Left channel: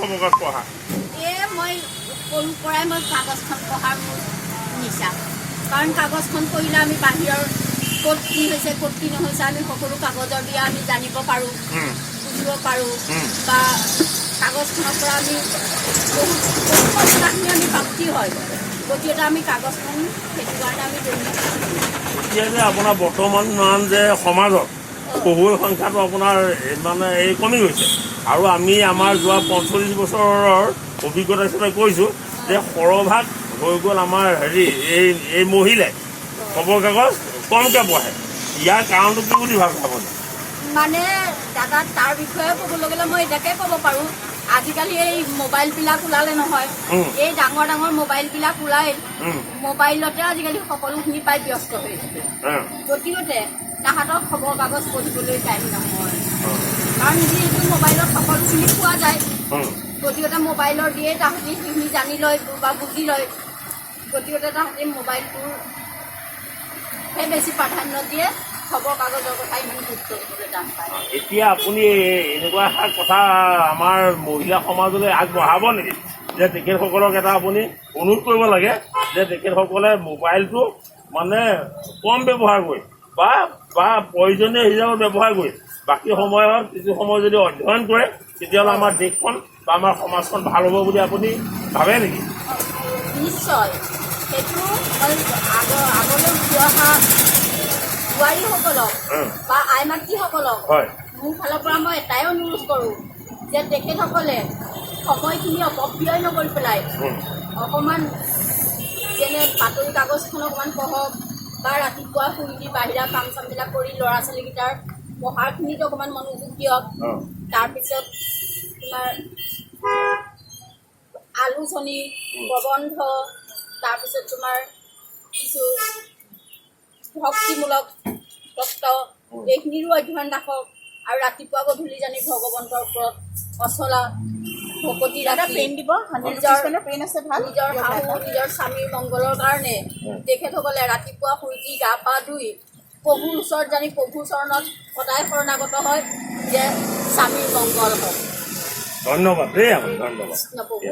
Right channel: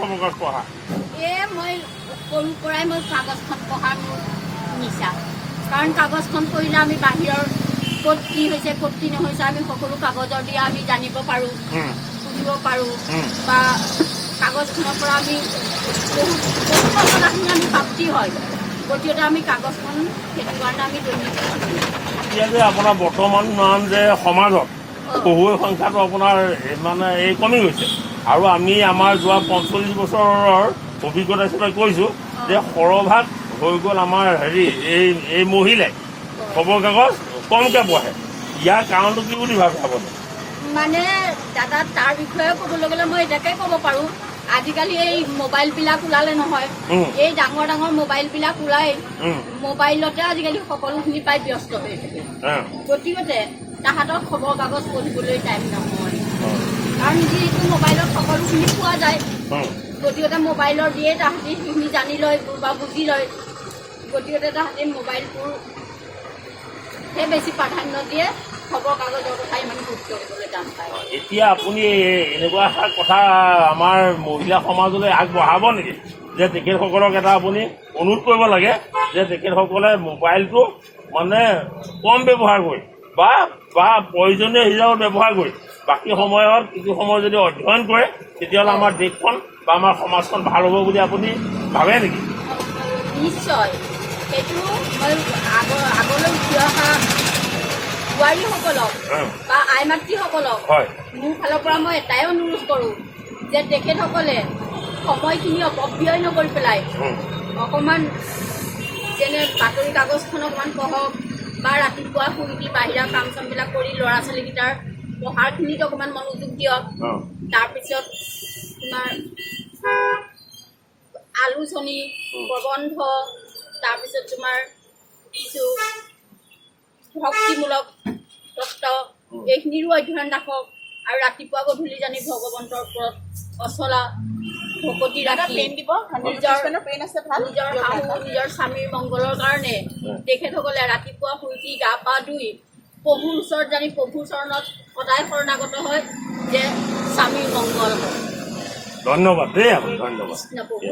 খবৰ কাগজ পঢ়া? মই সৰুৰ পৰাই মই কাগজখন পঢ়াৰ মোৰ নিচা। কাৰণ কাগজখন পঢ়িলে আমি বাহিৰৰ ক'ত কি হৈছে ক'ত কি নহৈছে আমি সকলো কাগজৰ দ্বাৰা আমি জানিব পাৰোঁ, বুজিব পাৰোঁ বা কাগজখনৰ পৰা আমি বহুত কথাখিনি আমি প্ৰাপ্তি হয়। গতিকে আমি কাগজখন সেইটো কাৰণে আমি দৈনিক এতিয়া যে আপোনাৰ বৰ্তমান যে সমাজত পঢ়ুৱৈ সংখ্যাটো আপোনাৰ মানে এই কমি গৈছে আৰু আমি আমাৰ যোৱা 45 বছৰৰ অভিজ্ঞতা হিচাপে কৈছোঁ যে সৰহভাগ হৈ গ'ল আমাৰ এই মহিলাই খবৰ কাগজ কমকৈ পঢ়ে। ইয়াৰ কাৰণটো কি বুলি ভাবে আপুনি? মানে দাদা তাৰ বিষয়ে ক'বলৈ গ'লে মই এটাকে ক'ব পাৰোঁ, আজিকালি এই মোবাইলবিলাক ওলালে নহয়, এই ডাঙৰ ডাঙৰ মোবাইলবিলাক ওলাই মোবাইলতে আজিকালি সকলোখিনি পাই ব্যস্ত হৈ থাকে। গতিকে তাহাঁতৰ খবৰ কাগজ পঢ়িবলৈ টাইম নহয়, কাৰণ যিহেতু মোবাইলত সকলোখিনি পোৱা যায়। গতিকে মোবাইলৰ দিয়ে তাহাঁতি সেইখিনি জানি লয় বা বুজি লয়। গতিকে তাহাঁতি মোবাইলটোৰহে বেছি প্ৰাধান্য দিয়ে, খবৰ কাগজৰ কথা ইমান গুৰুত্ব দিবলৈ টান পায়। এতিয়া আপুনি এনেকুৱা এটা কথা আমাৰ মহিলা সমাজলৈ আগবঢ়াব নেকি যে তেখেতসকলক এটা আপুনি অনুৰোধ কৰিব লাগে যে তেখেতসকলে মোবাইলটো মানে কম ব্যৱহাৰ কৰি বা প্ৰয়োজনীয় হিচাপত ব্যৱহাৰ কৰি বাকী সময়ত কিছু সময় যদি অধ্যয়ন কৰে তেতিয়াহ'লে আমাৰ দেশখন বা আমাৰ সমাজখন ভাল হ'ব বুলি আপুনি ভাবে নেকি? নিশ্চয়, সেইটো মই আগলৈ উঠি অহা বোৱাৰীসকলক বা আই মাতৃসকলক মোৰ ফালৰ পৰা মই এটাই অনুৰোধ কৰোঁ যে তেখেতসকলে সময়খিনি অপব্যয় নকৰি পেলাই অকণমান যেনে বাতৰি কাগজখন অকণমান পঢ়ক বা ৰাতিপুৱা শুই উঠি বাহিৰা কাম চামবিলাক কৰি ল'ৰা ছোৱালীকেইটাৰ পঢ়াৰখিনিত অকণমান মনোযোগ দিয়ক। তাৰপিছত তোমাৰ আলোচনী, প্ৰবন্ধ, তাৰপিছত তোমাৰ কিছু ভক্তিমূলক তত্ত্ব এইখিনিৰো অধ্যয়ন ৰাখক আৰু ৰাতিপুৱা গধূলি জানি ভগৱন্তৰ ওপৰত অচলা ভকতি ৰাখি নিজৰ শাহু নিজৰ স্বামীৰ মংগলৰ কাৰণে তেখেতসকলে ৰাতিপুৱা শুই উঠি গা পা ধুই প্ৰভুৰ ওচৰত জানি প্ৰভুৰ চৰণত সদায় শৰণাগত হয় যে স্বামীৰ মংগল হয়। ধন্যবাদ দেই, ধন্যবাদ।